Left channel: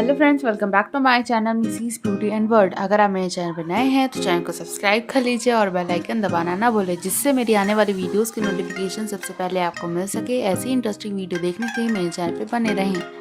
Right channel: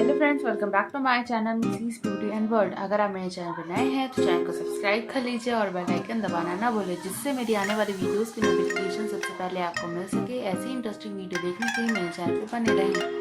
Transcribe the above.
Hello friends, welcome back to my channel Mrs beauty and world. अगर आप मेरे चैनल पर नए हैं तो चैनल को सब्सक्राइब कर लीजिए और बेल आइकन दबाना ना भूलें, जिससे मेरी आने वाली वीडियोस की नोटिफिकेशन सबसे पहले आपको मिल सके। ऐसी इंटरेस्टिंग वीडियो देखने के लिए मेरे चैनल पर बने रहें।